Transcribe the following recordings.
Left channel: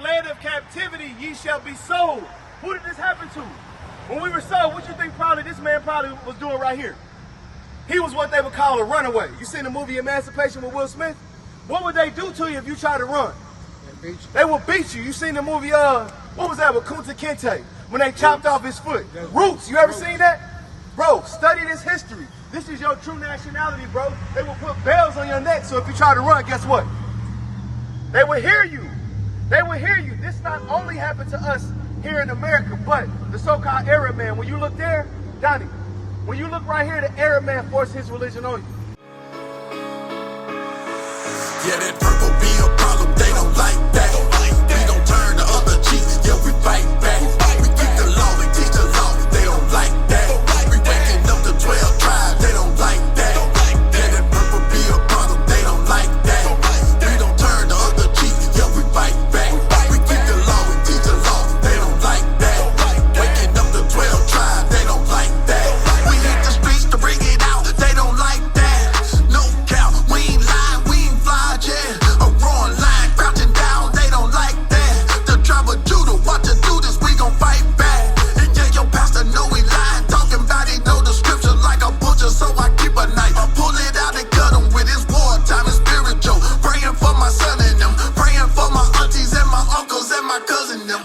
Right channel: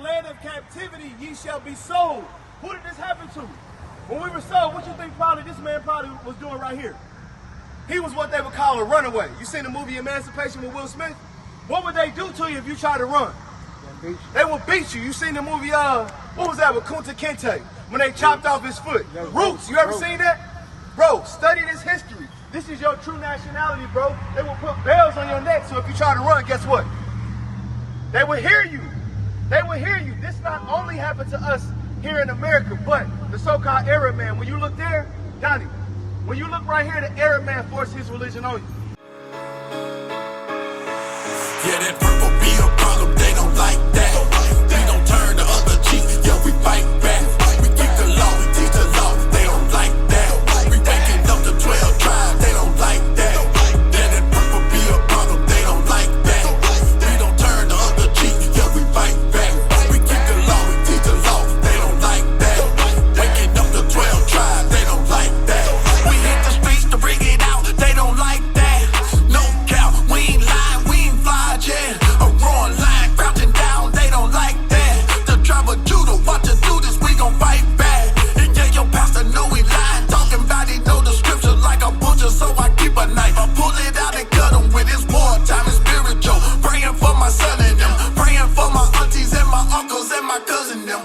land of captivity ye shall be sold. Who did this happen to? When we were sold, what you think this man was doing right here? He was what they would call a runaway. You seen the movie Emancipation with Will Smith? What would they do to you if you try to run? They will beat you. You seen the movie, what was that with Kunta Kinte? When they chopped off his foot. Roots, you ever seen that? Bro, study this history. This is your true nationality, bro. They will put bells on your neck, so if you try to run, guess what? They will hear you. They will hear you. This not only happened to us here in America, but the so-called Arab man. When you look there, Donnie, when you look right here, the Arab man forced his religion on you. Yeah, that purple be a problem, they don't like that. We don't turn the other cheek, yeah, we fight back. We keep the law, we teach the law, they don't like that. We waking up the 12 tribes, they don't like that. Yeah, that purple be a problem, they don't like that. We don't turn the other cheek, yeah, we fight back. We keep the law, we teach the law, they don't like that. Waking up the 12 tribes, they don't like that. We hit the streets to bring it out, they don't like that. No doubt, we ain't lying, we ain't fly, yeah. A roaring lion crouching down, they don't like that. The tribe of Judah, watch us do this, we gon' fight back. And yeah, your pastor know he lying, talking about he know the scripture like a butcher, so I keep a knife. I pull it out and cut him with his wartime, it's spiritual. Praying for my son and them, praying for my aunties and my uncles and my cousin them.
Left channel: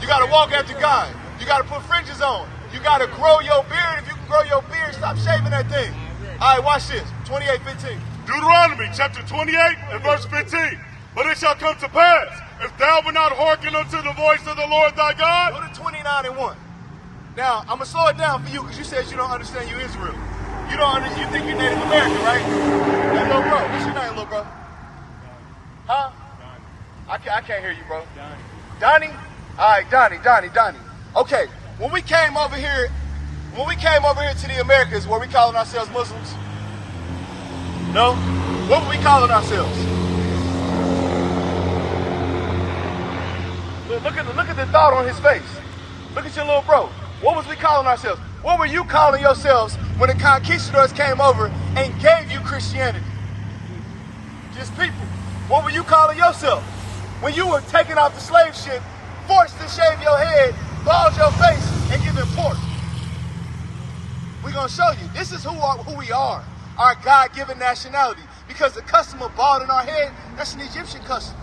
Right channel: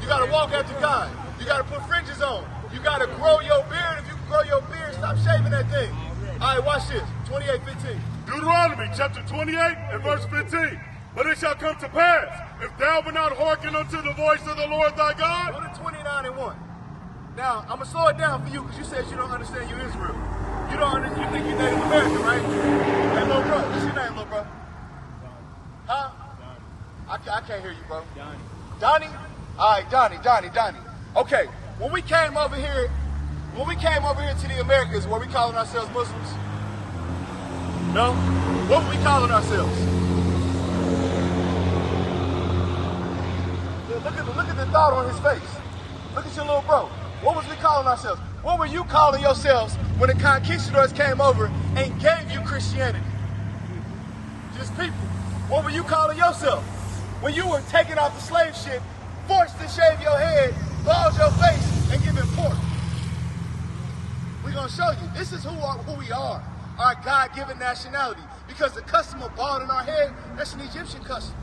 You gotta walk after God. You gotta put fringes on. You gotta grow your beard. If you can grow your beard, stop shaving that thing. All right, watch this. 28:15. Deuteronomy chapter 28 and verse 15. But it shall come to pass, if thou wilt not hearken unto the voice of the Lord thy God. Go to 29:1. Now, I'm gonna slow it down for you because you said you don't understand you Israel. You don't understand, you think you're Native American, right? Hey, little bro, what's your name, little bro? Huh? Donnie. I can't hear you, bro. Donnie. Donnie? All right, Donnie. Okay, when we came over here to the Americas, were we calling ourselves Muslims? No? What were we calling ourselves? Look at the thought on his face. Look at your little bro. What was we calling ourselves? What were you calling yourselves when the conquistadors came over and gave you Christianity? Just people. What were you calling yourself? When you were taking off the slave ship, forced to shave your head, bald your face, and give it pork. We're going to show you. This is who we are, our God-given nationality. Because the custom of bald in our head, that's an Egyptian custom.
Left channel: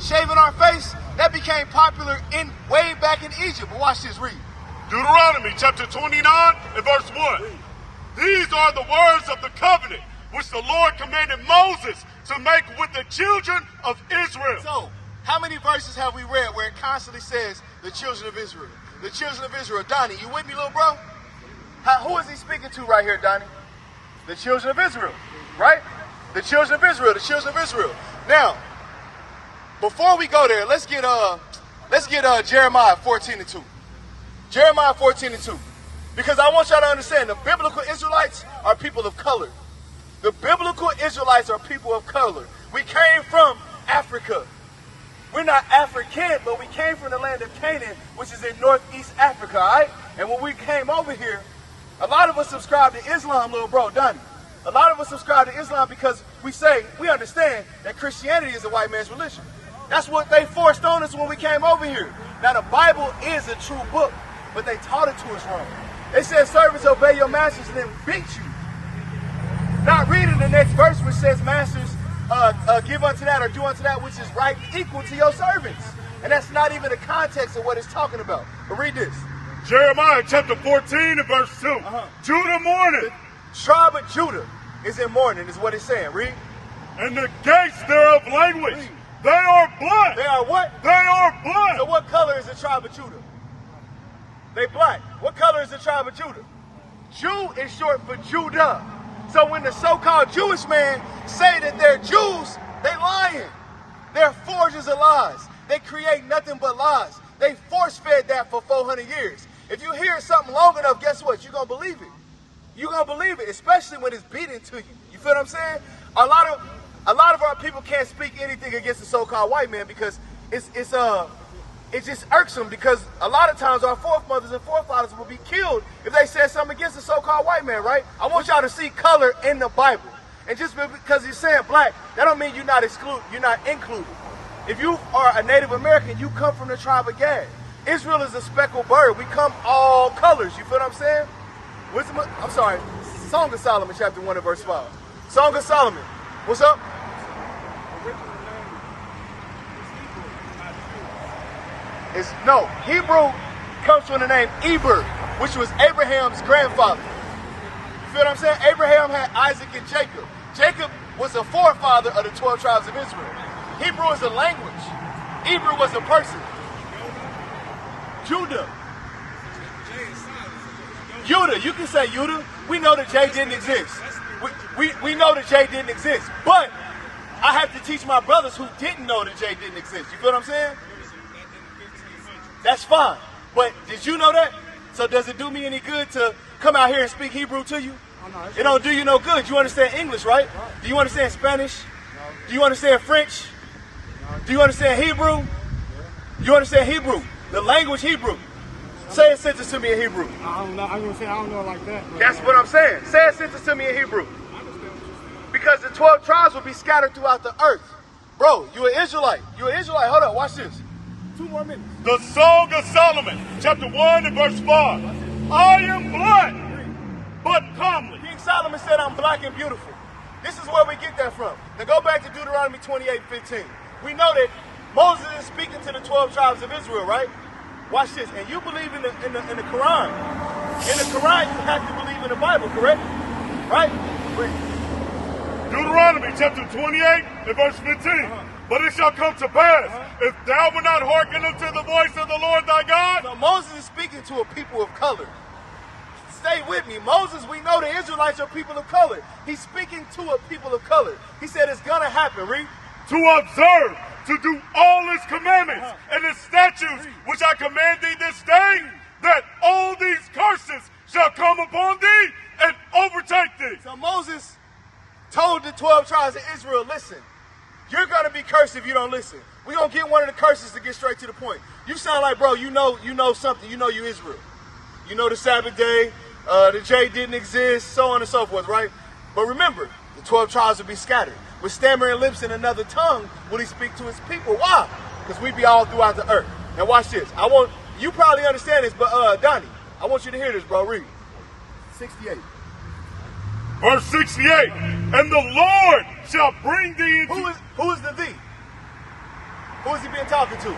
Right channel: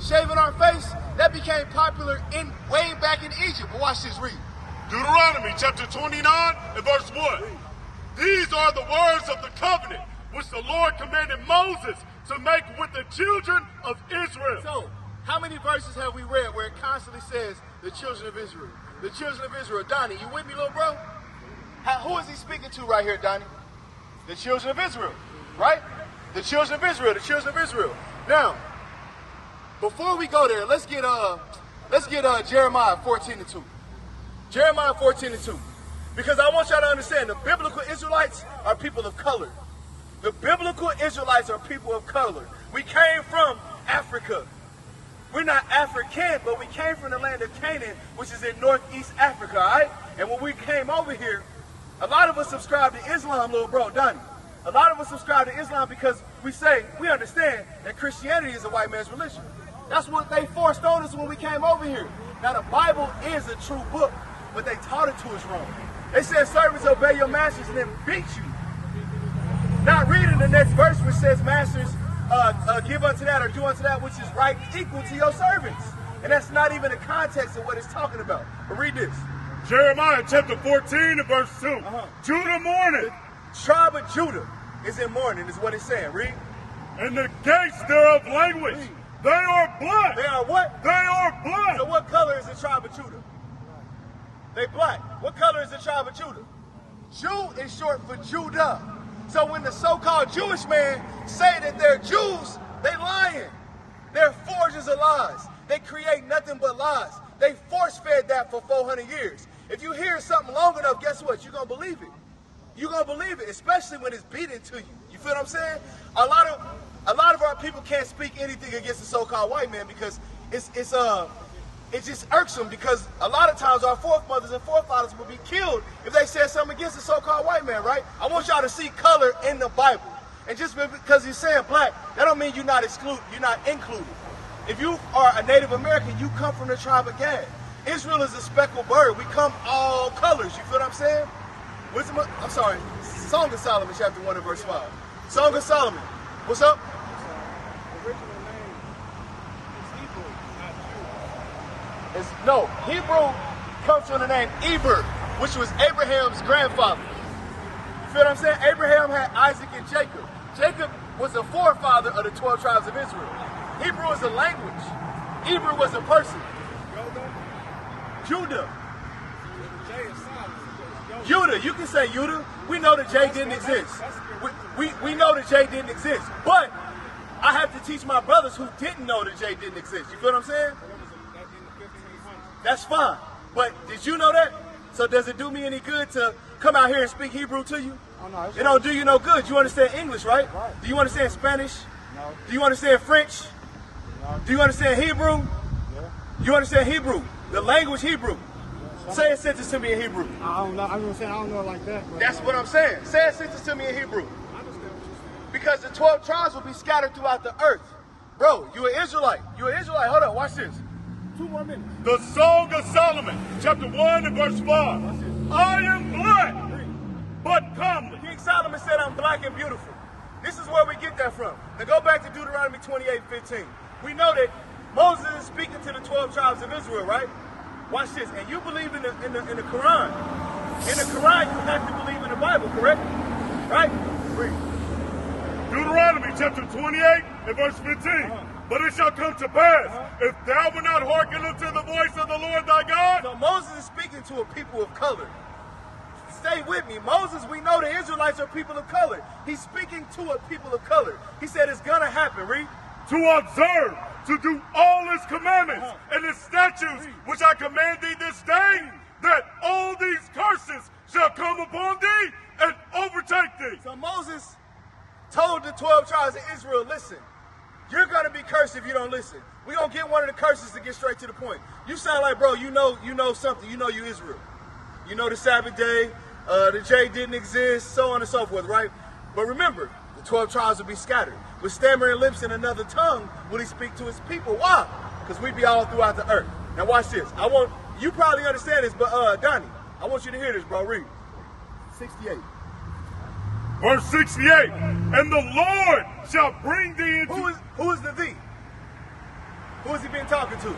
Shaving our face, that became popular way back in Egypt. But watch this, read. Deuteronomy chapter 29 and verse 1. These are the words of the covenant which the Lord commanded Moses to make with the children of Israel. So, how many verses have we read where it constantly says the children of Israel? The children of Israel. Donnie, you with me, little bro? Who is he speaking to right here, Donnie? The children of Israel, right? The children of Israel, the children of Israel. Now, before we go there, let's get Jeremiah 14:2. Jeremiah 14:2. Because I want y'all to understand the biblical Israelites are people of color. The biblical Israelites are people of color. We came from Africa. We're not African, but we came from the land of Canaan, which is in northeast Africa, all right? And when we came over here, a lot of us subscribe to Islam, little bro, Donnie. A lot of us subscribe to Islam because we understand that Christianity is a white man's religion. That's what they forced on us when we came over here. Now, the Bible is a true book, but they taught it to us wrong. They said, servants, obey your masters, and then beat you. Not reading the next verse, which says, masters, give unto that or do unto that which is right equal to your servants. And that's not even the context of what it's talking about. But read this. Jeremiah chapter 14 and verse 2. Judah mourneth. The tribe of Judah is in mourning, is what it's saying. Read. And the gates thereof language. Read. They are black. They are what? They are black. So what color is the tribe of Judah? They black. What color is the tribe of Judah? Jew is short for Judah. So when the so-called Jewish man say that they're Jews, they lying. They're forgers of lies. They create nothing but lies. They force-fed that for 400 years. If you hear something long enough, guess what? You're going to believe it. You're going to believe it, especially when it's beaten to you. You feel what I'm saying? A lot of a lot of our people can't speak anything against the so-called white man because it's just irksome, because a lot of times our foremothers and forefathers will be killed if they said something against the so-called white man, right? I want y'all to see color in the Bible. And just because you're saying black, that don't mean you're not included. If you are a Native American, you come from the tribe of Gad. Israel is a speckled bird. We come all colors. You feel what I'm saying? I'm sorry. Song of Solomon, chapter 1 and verse 5. Song of Solomon. What's up? No, Hebrew comes from the name Eber, which was Abraham's grandfather. You feel what I'm saying? Abraham had Isaac and Jacob. Jacob was the forefather of the 12 tribes of Israel. Hebrew is a language. Eber was a person. Judah. You can say Judah. We know that J didn't exist. We know that J didn't exist. But I have to teach my brothers who didn't know that J didn't exist. You feel what I'm saying? That's fine. But did you know that? So does it do me any good to come out here and speak Hebrew to you? It don't do you no good. You understand English, right? Do you understand Spanish? Do you understand French? Do you understand Hebrew? You understand Hebrew? The language Hebrew. Say a sentence to me in Hebrew. I don't know. I'm gonna say I don't know it like that. That's what I'm saying. Say a sentence to me in Hebrew. I understand what you're saying. Because the 12 tribes will be scattered throughout the earth. Bro, you an Israelite. You an Israelite. Hold on, watch this. 2 more minutes. The Song of Solomon, chapter 1 and verse 5. I am black, but comely. King Solomon said, I'm black and beautiful. This is where we get that from. Now go back to Deuteronomy 28:15. We know that Moses is speaking to the 12 tribes of Israel, right? Watch this. And you believe in the Quran. In the Quran, you have to believe in the Bible, correct? Right? Read. Deuteronomy chapter 28 and verse 15. But it shall come to pass, if thou wilt not hearken unto the voice of the Lord thy God. So Moses is speaking to a people of color. Stay with me. Moses, we know the Israelites are people of color. He's speaking to a people of color. He said it's going to happen. Read. To observe, to do all his commandments and his statutes, which I command thee this day, that all these curses shall come upon thee and overtake thee. So Moses told the 12 tribes of Israel, listen, you're going to be cursed if you don't listen. We're going to get one of the curses to get straight to the point. You sound like, bro, you know something. You know you Israel. You know the Sabbath day, the J didn't exist, so on and so forth, right? But remember, the 12 tribes will be scattered. With stammering lips and another tongue will he speak to his people. Why? Because we be all throughout the earth. Now watch this. You probably understand this, but Donnie, I want you to hear this, bro. Read. 68. Verse 68. And the Lord shall bring thee into... Who is the thee? Who is he been talking to?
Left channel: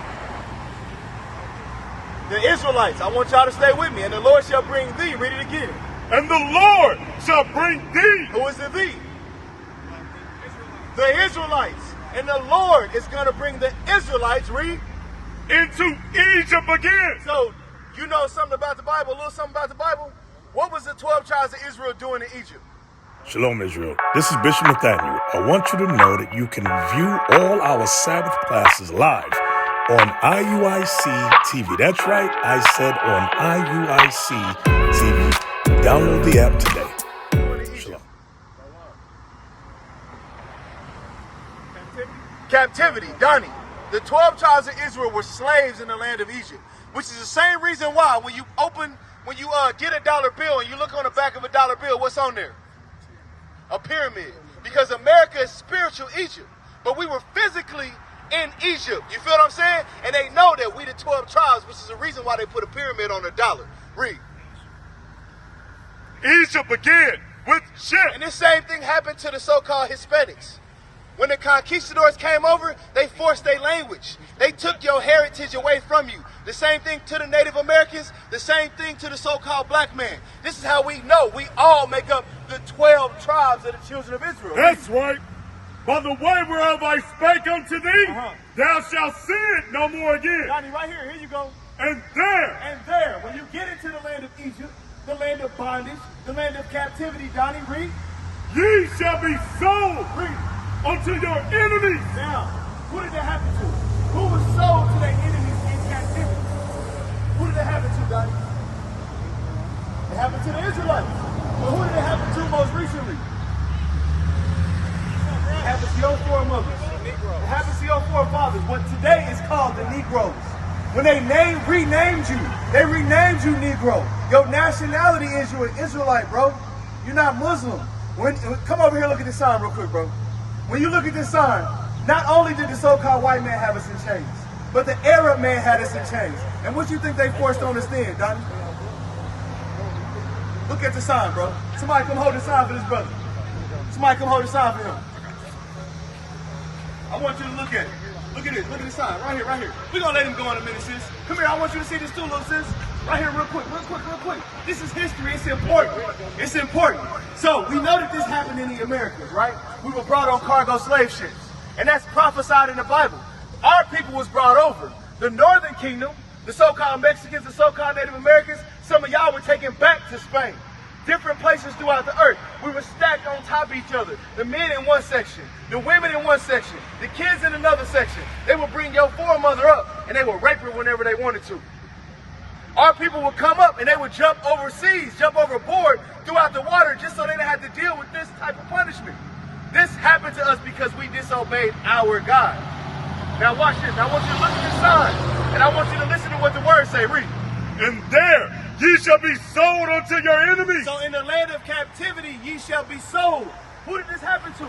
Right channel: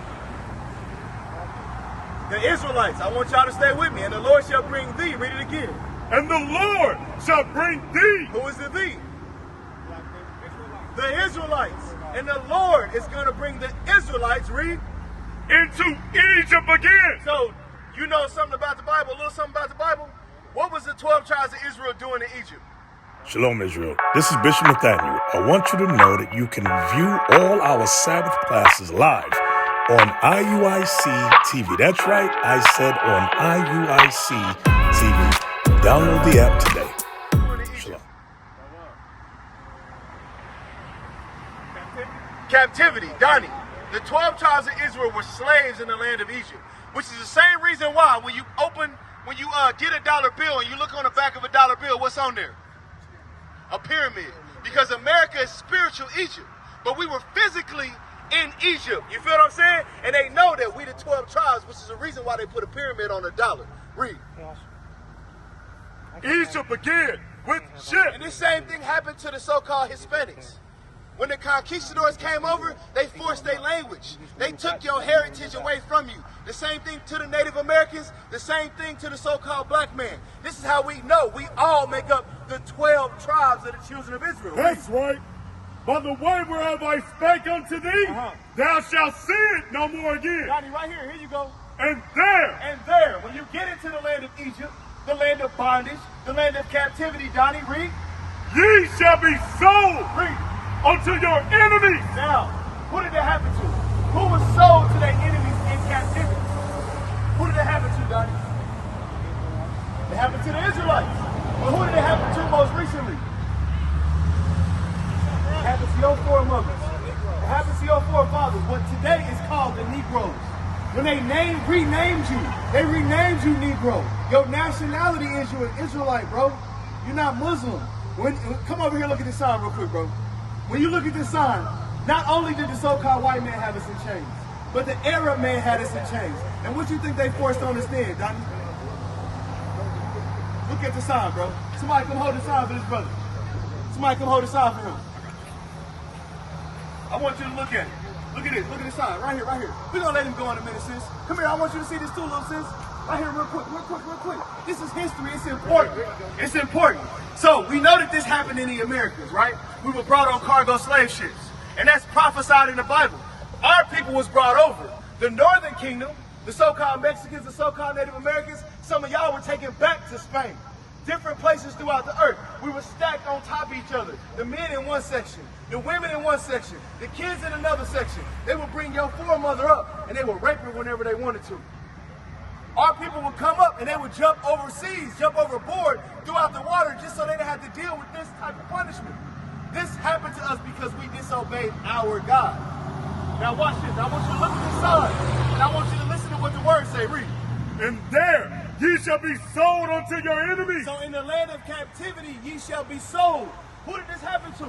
The Israelites. I want y'all to stay with me. And the Lord shall bring thee. Read it again. And the Lord shall bring thee. Who is the thee? The Israelites. And the Lord is going to bring the Israelites, read, into Egypt again. So, you know something about the Bible, a little something about the Bible? What was the 12 tribes of Israel doing in Egypt? Shalom, Israel. This is Bishop Nathaniel. I want you to know that you can view all our Sabbath classes live on IUIC TV. That's right, I said on IUIC TV. Download the app today. Shalom. Captivity, Donnie. The 12 tribes of Israel were slaves in the land of Egypt, which is the same reason why when you get a dollar bill and you look on the back of a dollar bill, what's on there? A pyramid. Because America is spiritual Egypt, but we were physically in Egypt. You feel what I'm saying? And they know that we the 12 tribes, which is the reason why they put a pyramid on a dollar. Read. Egypt again with shit. And this same thing happened to the so-called Hispanics. When the conquistadors came over, they forced their language. They took your heritage away from you. The same thing to the Native Americans, the same thing to the so-called black man. This is how we know we all make up the 12 tribes of the children of Israel. That's right. By the way whereof I spake unto thee, thou shalt see it no more again. Johnny, right here, here you go. And there, when you get into the land of Egypt, the land of bondage, the land of captivity, Johnny, read. Ye shall be sold. Read. Unto your enemies. Now, who did that happen to? Who was sold to their enemies in captivity? Who did that happen to, Donnie? It happened to the Israelites. But who did it happen to most recently? It happened to your today is called the Negroes. When they renamed you Negro. Your nationality is you're an Israelite, bro. You're not Muslim. Come over here, look at this sign real quick, bro. When you look at this sign, not only did the so-called white man have us in chains, but the Arab man had us in chains. And what you think they forced on us then, Donnie? Look at the sign, bro. Somebody come hold the sign for this brother. Somebody come hold the sign for him. I want you to look at it. Look at this. Look at the sign. Right here, right here. We're going to let him go in a minute, sis. Come here. I want you to see this too, little sis. Right here, real quick, real quick, real quick. This is history. It's important. It's important. So, we know that this happened in the Americas, right? We were brought on cargo slave ships. And that's prophesied in the Bible. Our people was brought over. The Northern Kingdom, the so-called Mexicans, the so-called Native Americans, some of y'all were taken back to Spain. Different places throughout the earth. We were stacked on top of each other. The men in one section, the women in one section, the kids in another section. They would bring your foremother up and they would rape her whenever they wanted to. Our people would come up and they would jump overseas, jump overboard throughout the water just so they didn't have to deal with this type of punishment. This happened to us because we disobeyed our God. Now watch this. I want you to look at this sign and I want you to listen to what the words say. Read. And there ye shall be sold unto your enemies. So in the land of captivity, ye shall be sold. Who did this happen to?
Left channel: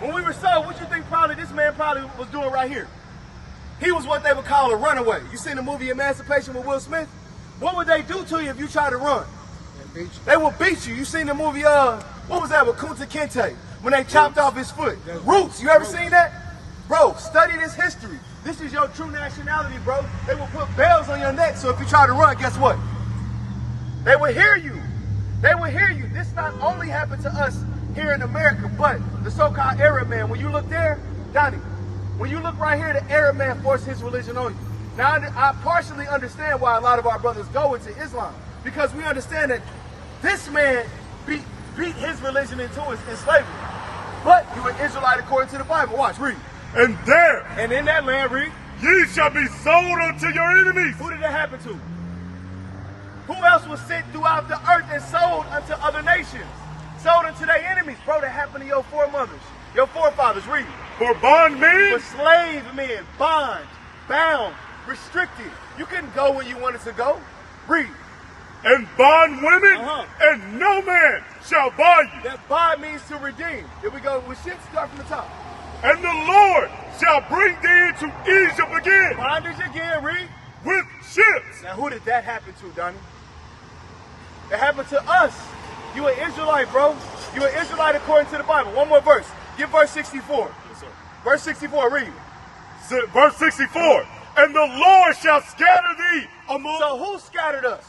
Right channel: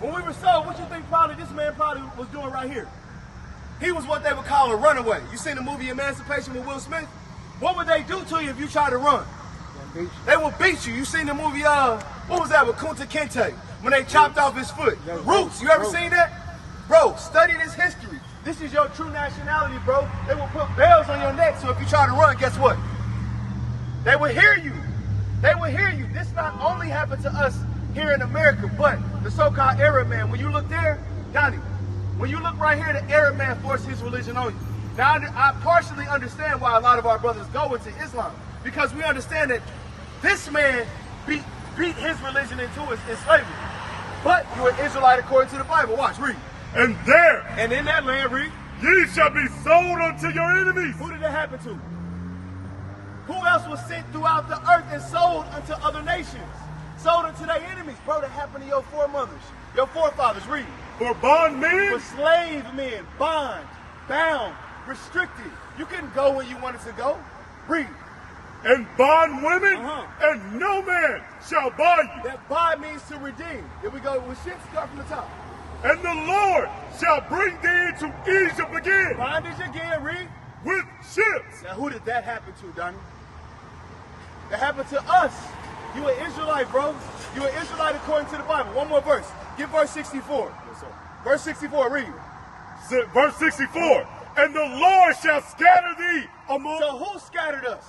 When we were sold, what you think this man was doing right here? He was what they would call a runaway. You seen the movie Emancipation with Will Smith? What would they do to you if you try to run? They will beat you. You seen the movie, what was that with Kunta Kinte? When they chopped off his foot. Roots, you ever seen that? Bro, study this history. This is your true nationality, bro. They will put bells on your neck, so if you try to run, guess what? They will hear you. They will hear you. This not only happened to us here in America, but the so-called Arab man, when you look there, Donnie, when you look right here, the Arab man forced his religion on you. Now, I partially understand why a lot of our brothers go into Islam, because we understand that this man beat his religion into us in slavery. But you're an Israelite according to the Bible. Watch, read. And there, and in that land, read, ye shall be sold unto your enemies. Who did that happen to? Who else was sent throughout the earth and sold unto other nations? Sold unto their enemies. Bro, that happened to your foremothers, your forefathers. Read. For bondmen. For slave men, bond, bound, restricted. You couldn't go where you wanted to go. Read. And bond women, and no man shall buy you. That bond means to redeem. Here we go with ships, start from the top. And the Lord shall bring thee into Egypt again. Bondage again, read. With ships. Now who did that happen to, Donnie? It happened to us. You an Israelite, bro. You an Israelite according to the Bible. One more verse. Give verse 64. Yes, sir. Verse 64, read. Verse 64. And the Lord shall scatter thee among... So who scattered us?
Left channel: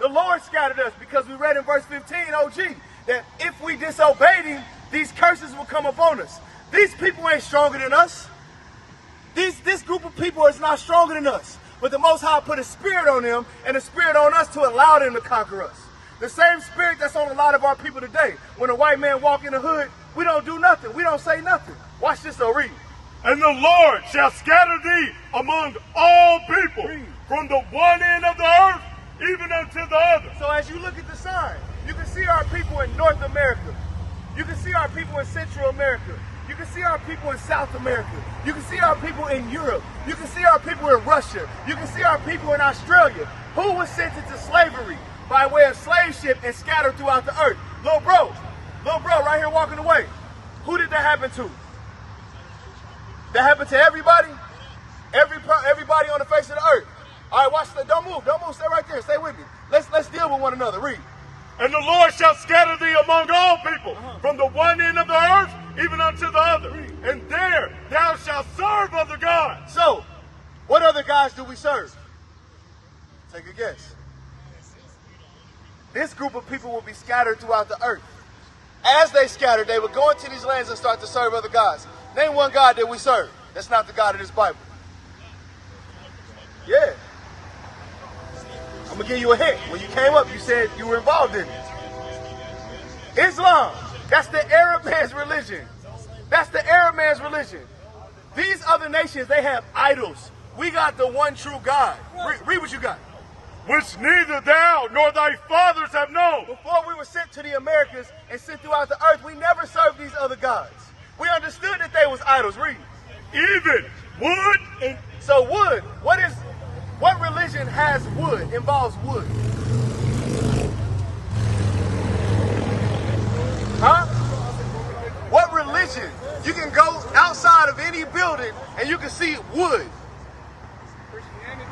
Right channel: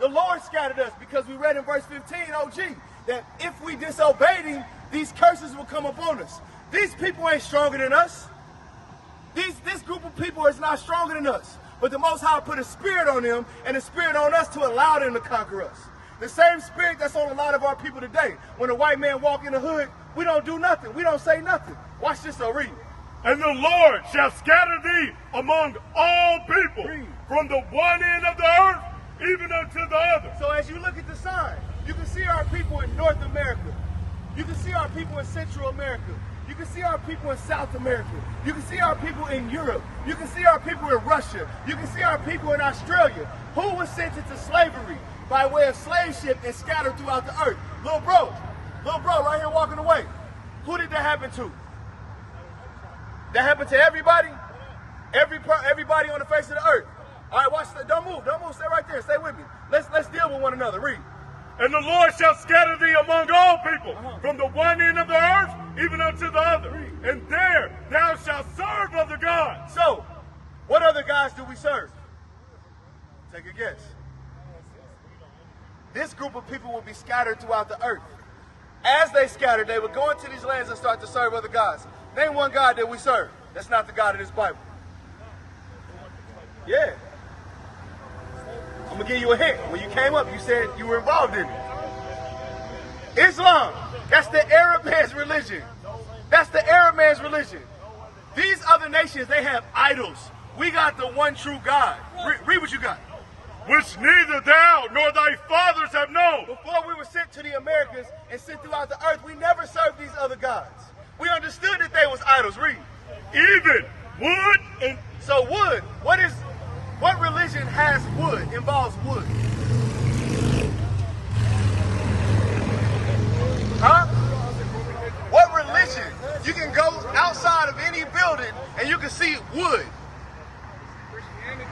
The Lord scattered us, because we read in verse 15, OG, that if we disobeyed him, these curses will come upon us. These people ain't stronger than us. This group of people is not stronger than us. But the Most High put a spirit on them and a spirit on us to allow them to conquer us. The same spirit that's on a lot of our people today. When a white man walk in the hood, we don't do nothing. We don't say nothing. Watch this, though. Read. And the Lord shall scatter thee among all people, Read. From the one end of the earth even unto the other. So as you look at the sign, you can see our people in North America. You can see our people in Central America. You can see our people in South America. You can see our people in Europe. You can see our people in Russia. You can see our people in Australia. Who was sent into slavery by way of slave ship and scattered throughout the earth? Little bro right here walking away. Who did that happen to? That happened to everybody? Everybody on the face of the earth. All right, watch that. Don't move, stay right there, stay with me. Let's deal with one another. Read. And the Lord shall scatter thee among all people, from the one end of the earth even unto the other. And there thou shalt serve other gods. So, what other gods do we serve? Take a guess. This group of people will be scattered throughout the earth. As they scattered, they would go into these lands and start to serve other gods. Name one God that we serve. That's not the God of this Bible. Yeah. I'm going to give you a hint. When you came up, you said you were involved in it. Islam. That's the Arab man's religion. That's the Arab man's religion. These other nations, they have idols. We got the one true God. Read what you got. Which neither thou nor thy fathers have known. Before we were sent to the Americas and sent throughout the earth, we never served these other gods. We understood that they was idols. Read. Even Wood and So wood, what religion has wood, involves wood? Huh? What religion? You can go outside of any building and you can see wood.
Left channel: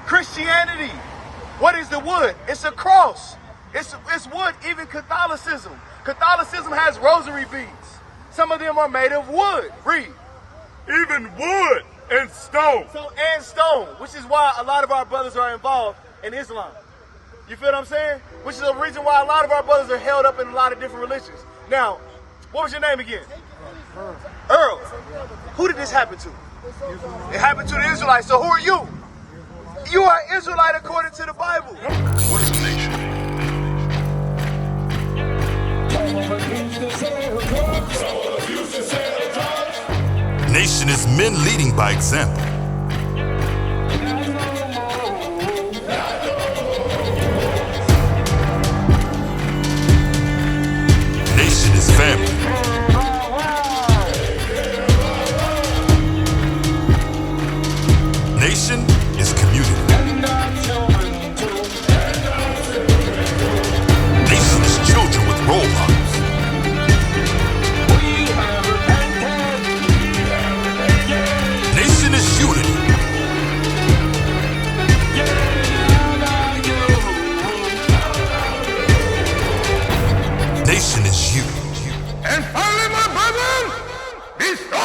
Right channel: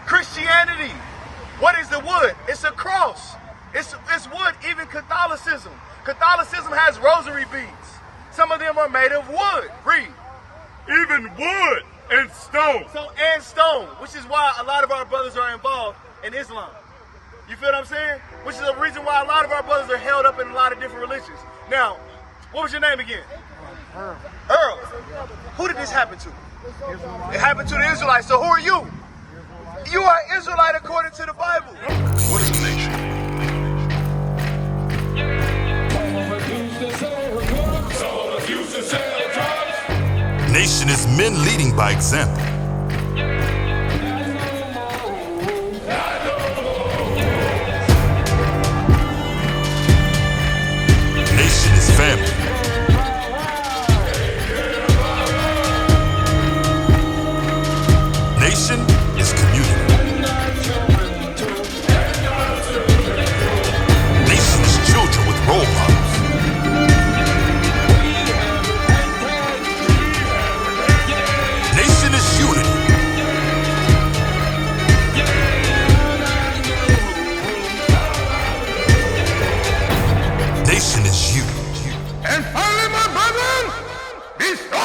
Christianity. What is the wood? It's a cross. It's wood. Even Catholicism. Catholicism has rosary beads. Some of them are made of wood. Read. even wood and stone. And stone, which is why a lot of our brothers are involved in Islam. You feel what I'm saying? Which is the reason why a lot of our brothers are held up in a lot of different religions. Now, what was your name again? Earl. Who did this happen to? It happened to the Israelites. So who are you? You are Israelite according to the Bible. What is nation? Nation is men leading by example. Nation is family. Nation is community. Nation is children with role models. Nation is unity. Nation is you. And finally, my brethren, be strong.